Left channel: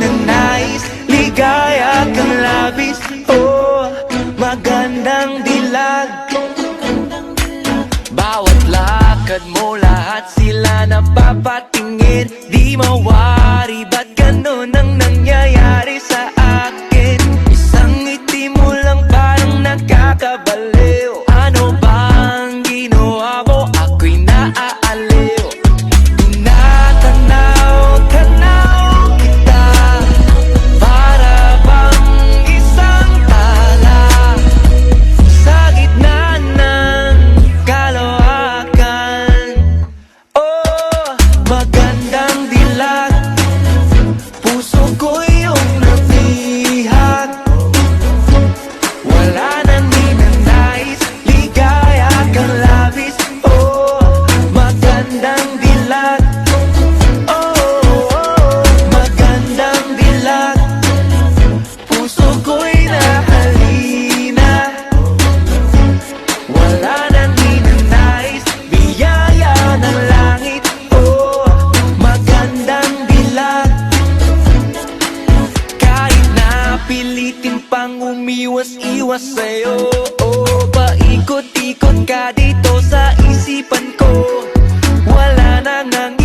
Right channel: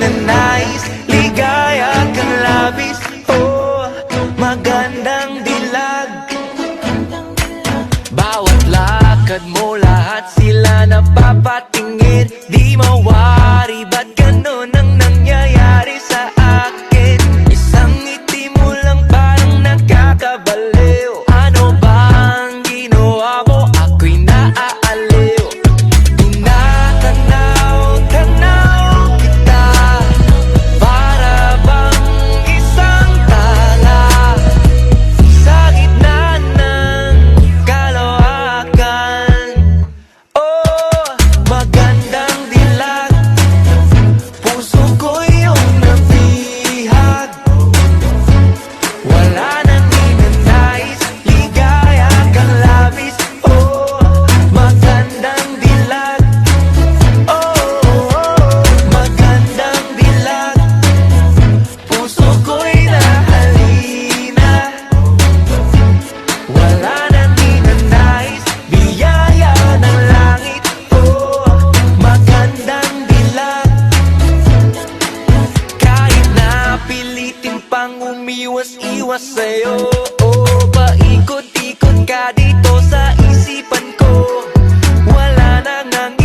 ninanais, ligaya kang labis. Oh, magandang dilag. Bawat lakad mo, lahat sila napapatingin. Di mawari, ba't ganun ang nangyayari sa akin? Isang ngiti mo lang parang nakakabaliw. Ano bang ginawa mo? Ako'y naaaliw. Tinatanaw-tanaw kita, para bang isang tala sa gitna ng kalawakan. Oh, magandang dilag, puso ko iyong nabihag. Wala nang ninanais, ligaya kang labis. Oh, magandang dilag. Oh, magandang dilag, puso ko'y nahalina. Wala nang ninanais, biyaya ng langit. Oh, magandang dilag. Kahit na pilitin pang umiwas-iwas sa'yo, oh, paikot-ikot ka dito sa isipan ko. Wala nang